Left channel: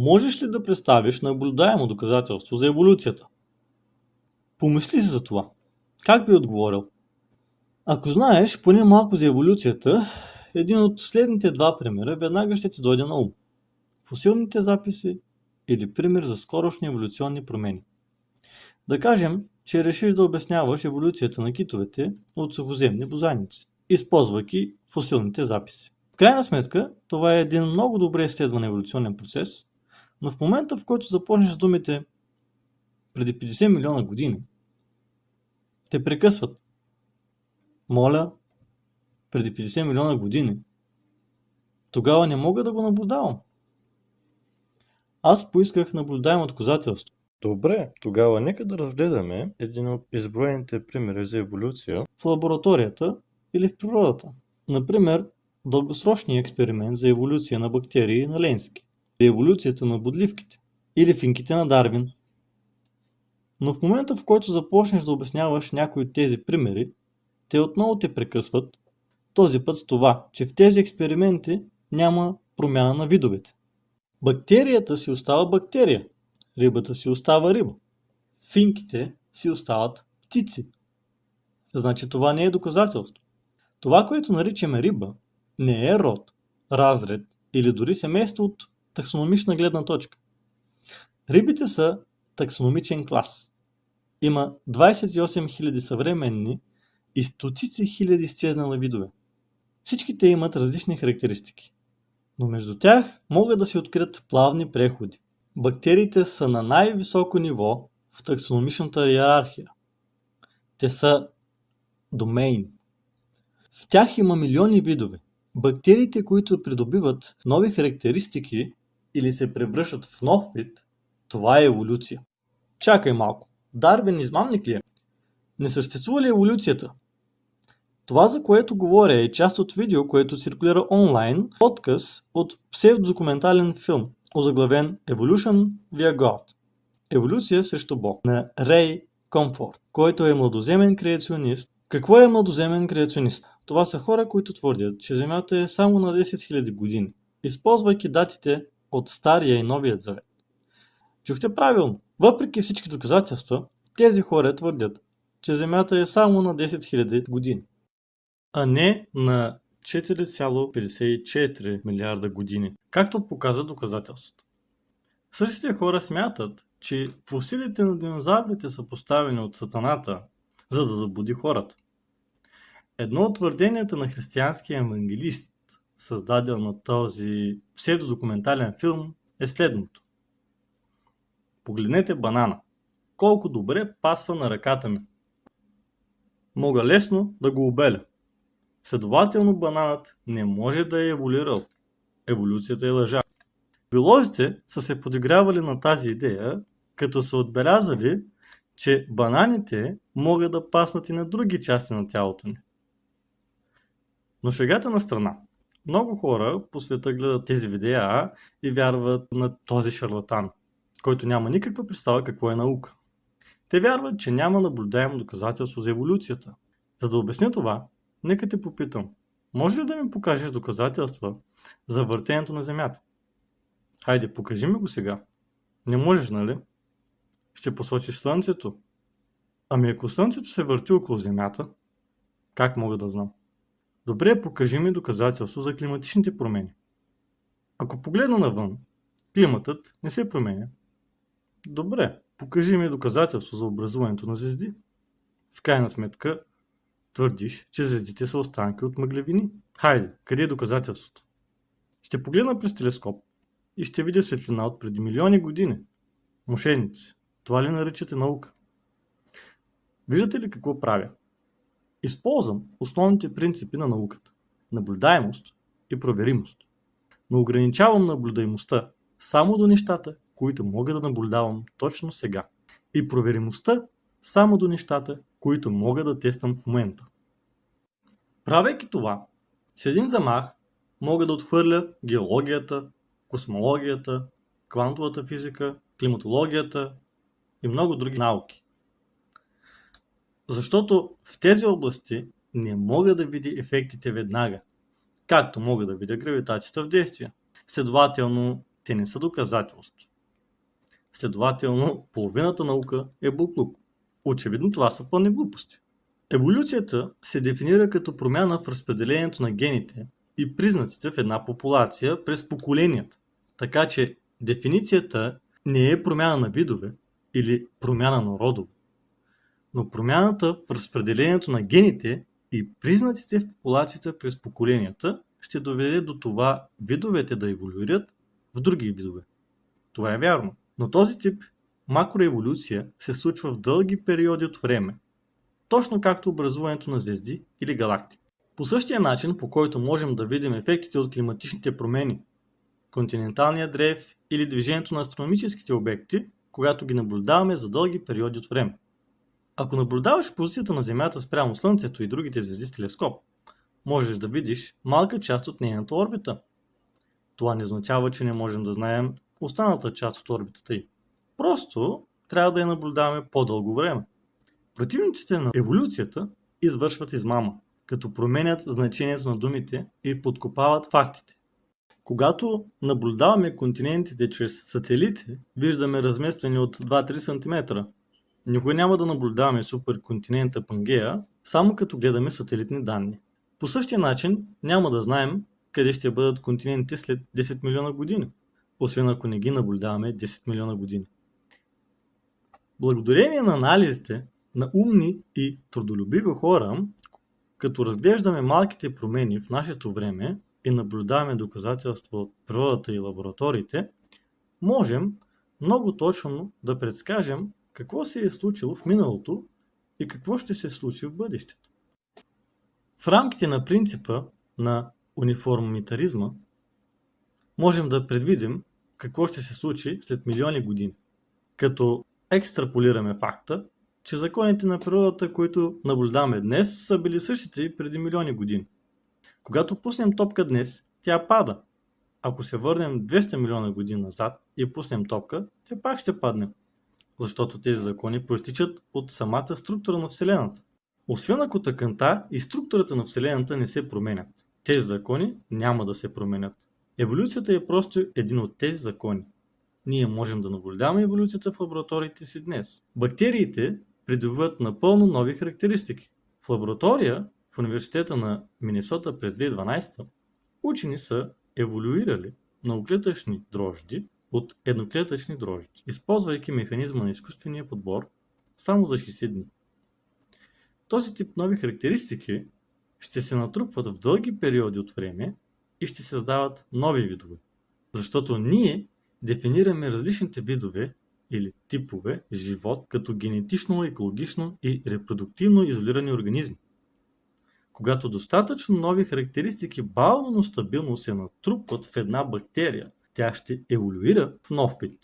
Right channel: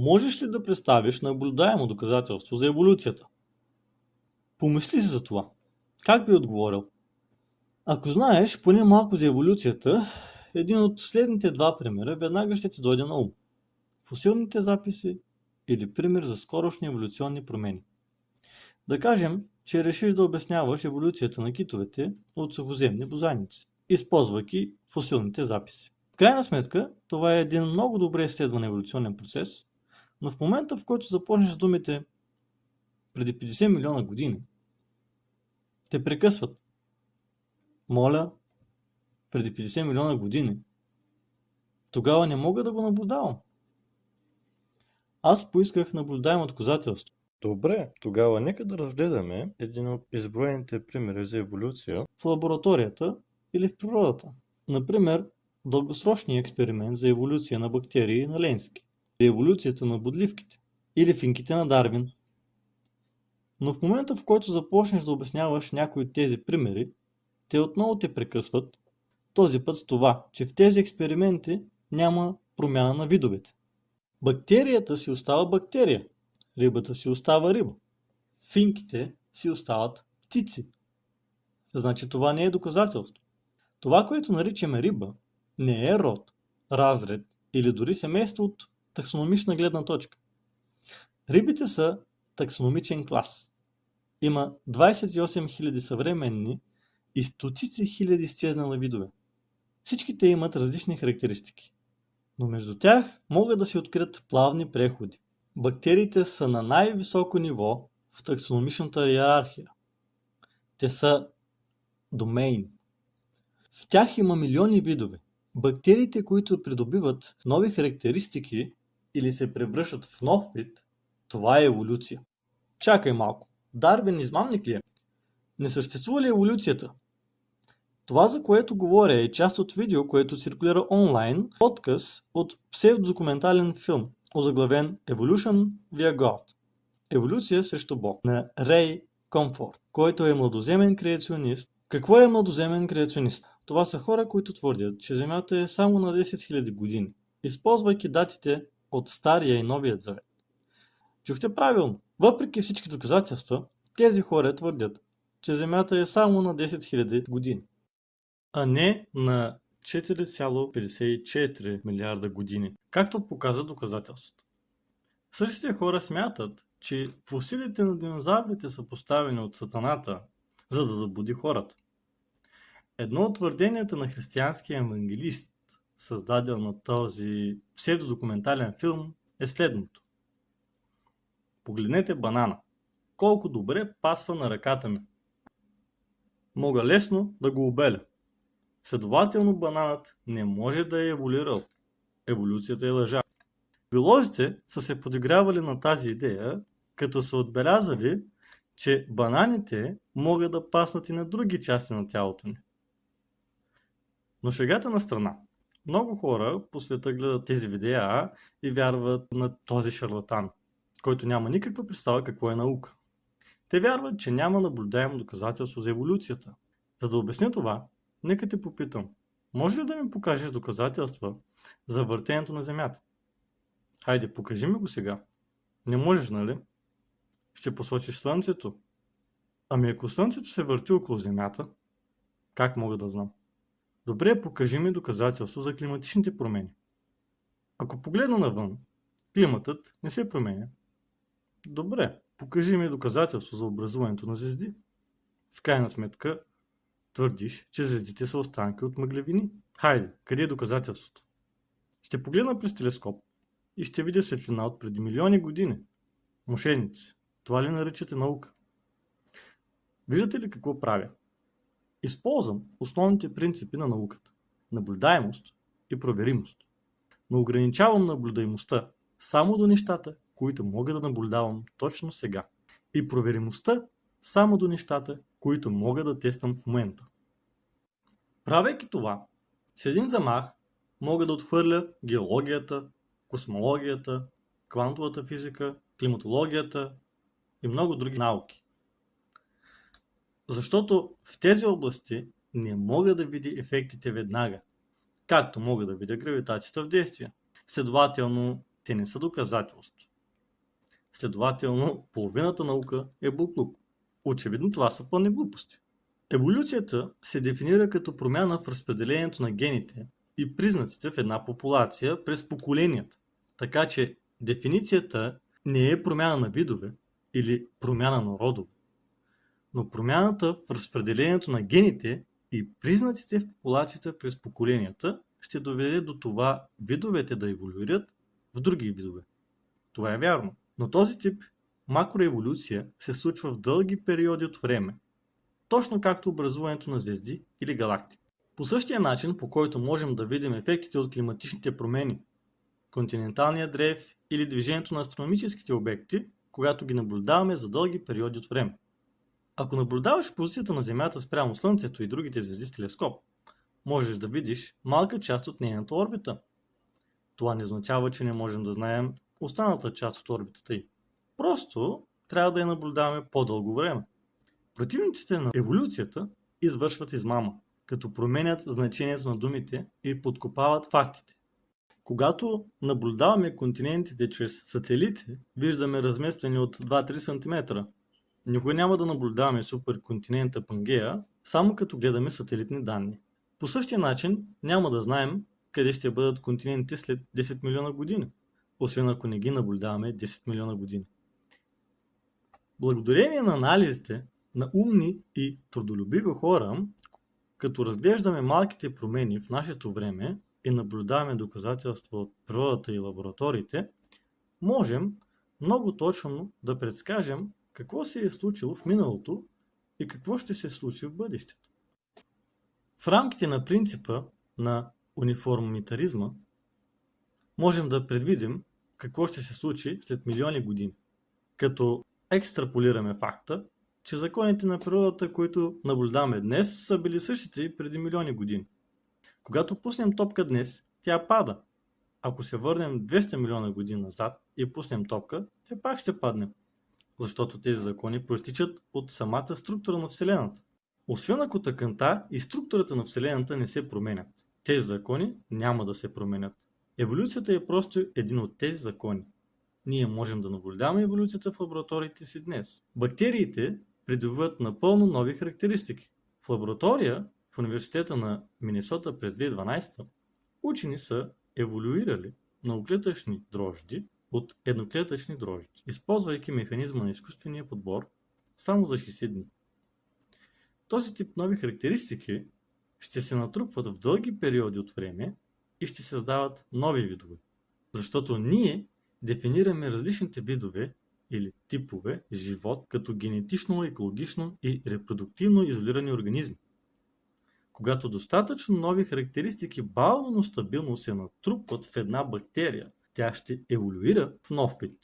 Можеш ли да представиш наблюдаемо доказателство за еволюцията? Помисли си за това. Как би отговорил? Ако знаеш поне малко за еволюцията, един от следните два примера веднага ще ти дойде на ум. Фосилните записи или пример за скорошни еволюционни промени. Да кажем, че решиш да обясняваш еволюцията на китовете от сухоземни бозайници, използвайки фосилните записи. В крайна сметка, това е един много добре изследван еволюционен процес, но в момента, в който започнеш с думите преди 50 милиона години, те прекъсват. Моля, преди 50 милиона години, тогава не мога да го наблюдавам. Аз поисках наблюдаемо доказателство. Добре, тогава нека да разгледаме един от изброените примери за еволюция в лабораторията или в природата. Например, дългосрочния експеримент за еволюция на бактерии на Ленски, еволюцията на бодливките или финките на Дарвин. Но в момента, в който започнеш да обясняваш някои от тези примери, те отново те прекъсват, този път с това, че в тези експерименти няма промяна на видовете. Бактерията си остава бактерия, рибата си остава риба, финките си остават птици. Значи това не е доказателство. Това, което наричаме риба, не е род, разред или дори семейство от таксономична гледна точка. Рибите са таксономичен клас. Има 28 000 съвременни и стотици хиляди изчезнали видове. Всички те имат различни характеристики, но между тях могат да се открият плавни преходи. Бактериите са на най-високо ниво в таксономичната иерархия. Те са домейн. В тях има милиони видове. Бактериите, които придобиват нови характеристики или се превръщат в нов вид, това е еволюция. Чакай малко. Дарвин измамник ли е? Не съществува ли еволюцията? Това, за което говоря, е част от видео, което циркулира онлайн, отказ от псевдодокументален филм, озаглавен Evolution via God. Еволюция срещу Бог на Рей Комфорт, който е младоземен креационист. Какво е младоземен креационист? Това са хора, които твърдят, че Земята е само на 10 000 години, използвайки датите от Стария и Новият завет. Чухте правилно. Въпреки всички доказателства, тези хора твърдят, че Земята е само на 10 000 години, а не на 4,54 милиарда години, както показва доказателството. Същите хора смятат, че фосилите на динозаврите са поставени от Сатаната, за да заблуди хората. Едно от твърденията на християнския евангелист, създаден на този псевдодокументален филм, е следното. Погледнете банана. Колко добре пасва на ръката ми. Мога лесно да го обеля. Следователно бананът не може да е еволюирал. Еволюцията е лъжа. Биолозите са се подигравали на тази идея, като са отбелязали, че бананите могат да паснат и на други части на тялото ни. Но шегата на страна. Много хора по света гледат тези видеа и вярват на този шарлатан, който няма никаква представа какво е наука. Те вярват, че няма наблюдаемо доказателство за еволюцията. За да обясня това, нека те попитам, може ли да ми покажеш доказателства за въртенето на Земята? Хайде, покажи ми го сега. Не можеш, нали? Ще посочиш Слънцето. Ами ако Слънцето се върти около Земята, как мога да знам? Добре, покажи ми доказателство за климатичните промени. Ако погледна навън, климатът не се променя. Добре, покажи ми доказателство за образуването на звезди. В крайна сметка, твърдиш, че звездите са останки от мъглевини. Хайде, къде е доказателството? Ще погледна през телескоп и ще видя светлина от преди милиони години. Мошеници, това ли наричате наука? Виждате ли какво правя? Използвам основните принципи на науката – наблюдаемост и проверимост. Но ограничавам наблюдаемостта само до нещата, които мога да наблюдавам точно сега. И проверимостта само до нещата, които мога да тествам в момента. Правейки това, с един замах мога да отхвърля геологията, космологията, квантовата физика, климатологията и много други науки. Защото в тези области не мога да видя ефектите веднага, както мога да видя гравитацията в действие. Следователно, Те не са доказателство. Следователно, половината наука е буклук. Очевидно това са пълни глупости. Еволюцията се дефинира като промяна в разпределението на гените и признаците в една популация през поколенията. Така че дефиницията не е промяна на видове или промяна на родове. Но промяната в разпределението на гените и признаците в популацията през поколенията ще доведе до това видовете да еволюират в други видове. Това е вярно. Но този тип макроеволюция се случва в дълги периоди от време, точно както образуването на звезди или галактики. По същия начин, по който можем да видим ефектите от климатичните промени, континенталния дрейф или движението на астрономическите обекти, когато ги наблюдаваме за дълги периоди от време. Ако наблюдаваш позицията на Земята спрямо Слънцето и другите звезди с телескоп, можеш да видиш малка част от нейната орбита. Това не означава, че не можем да знаем останалата част от орбитата й. Просто трябва да я наблюдаваме по-дълго време. Противниците на еволюцията извършват измама, като променят значението на думите и подкопават фактите. Когато наблюдаваме континентите чрез сателити, виждаме разместване от 2-3 см. Никога няма да наблюдаваме суперконтинента Пангея, само като гледаме сателитни данни. По същия начин няма да знаем къде ще бъдат континентите след 10 милиона години, освен ако не ги наблюдаваме 10 милиона години. Благодарение на анализите на умни и трудолюбиви хора, като разглеждаме малките промени в нашето време и наблюдаваме доказателства от природата и лабораториите, можем много точно да предскажем какво се е случило в миналото и какво ще се случи в бъдещето. В рамките на принципа на униформитаризма можем да предвидим какво ще се случи след милиони години, като екстраполираме факта, че законите на природата, които наблюдаваме днес, са били същите и преди милиони години. Когато пуснем топка днес, тя пада. Ако се върнем 200 милиона години назад и пуснем топка, тя пак ще падне. Защото тези закони проистичат от самата структура на Вселената. Освен ако тъканта и структурата на Вселената не се променят. Тези закони няма да се променят. Еволюцията е просто един от тези закони. Ние можем да наблюдаваме еволюцията в лабораториите си днес. Бактериите придобиват напълно нови характеристики. В лаборатория в университета на Минесота през 2012 учени са еволюирали многоклетъчни дрожди от едноклетъчни дрожди, използвайки механизма на изкуствения подбор само за 60 дни. Този тип нови характеристики ще се натрупват в дълги периоди от време и ще създават нови видове. Защото ние дефинираме различните видове или типове живот като генетично, екологично и репродуктивно изолирани организми. Когато достатъчно нови характеристики бавно, но стабилно се натрупват в една бактерия, тя ще еволюира в нов вид.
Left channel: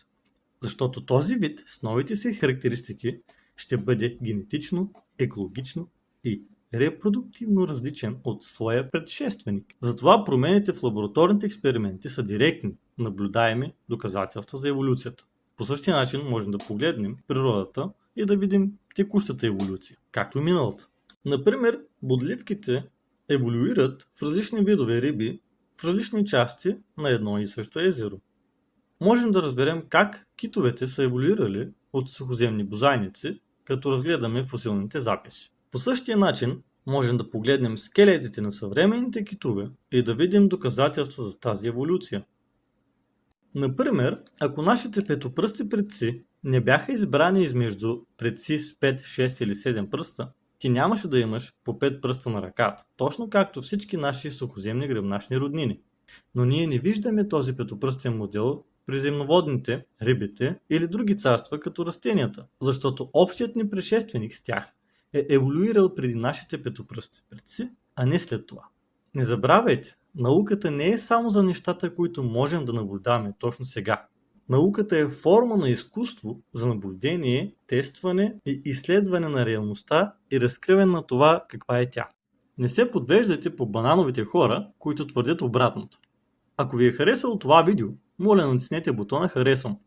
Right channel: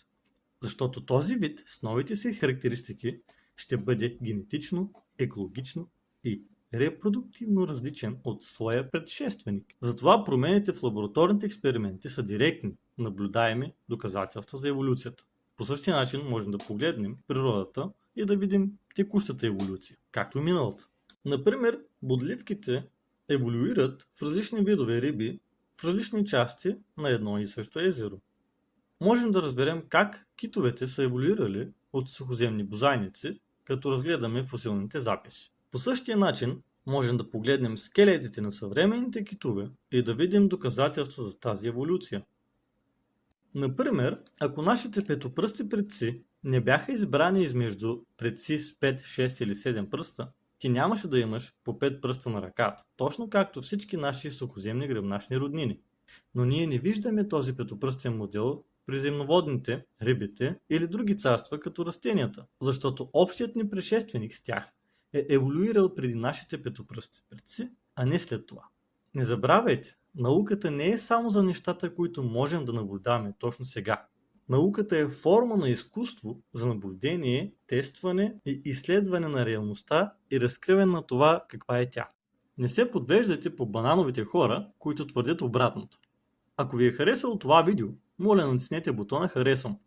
Защото този вид с новите си характеристики ще бъде генетично, екологично и репродуктивно различен от своя предшественик. Затова промените в лабораторните експерименти са директни, наблюдаеми доказателства за еволюцията. По същия начин можем да погледнем природата и да видим текущата еволюция, както и миналата. Например, бодливките еволюират в различни видове риби в различни части на едно и също езеро. Можем да разберем как китовете са еволюирали от сухоземни бозайници, като разгледаме фосилните записи. По същия начин можем да погледнем скелетите на съвременните китове и да видим доказателства за тази еволюция. Например, ако нашите петопръсти предци не бяха избрани измежду предци с 5, 6 или 7 пръста, ти нямаше да имаш по 5 пръста на ръката, точно както всички наши сухоземни гръбначни роднини. Но ние не виждаме този петопръстен модел при земноводните, рибите или други царства като растенията, защото общият ни предшественик с тях е еволюирал преди нашите петопръсти предци, а не след това. Не забравяйте, науката не е само за нещата, които можем да наблюдаваме точно сега. Науката е форма на изкуство за наблюдение, тестване и изследване на реалността и разкриване на това каква е тя. Не се подвеждайте по банановите хора, които твърдят обратното. Ако ви е харесало това видео, моля натиснете бутона харесвам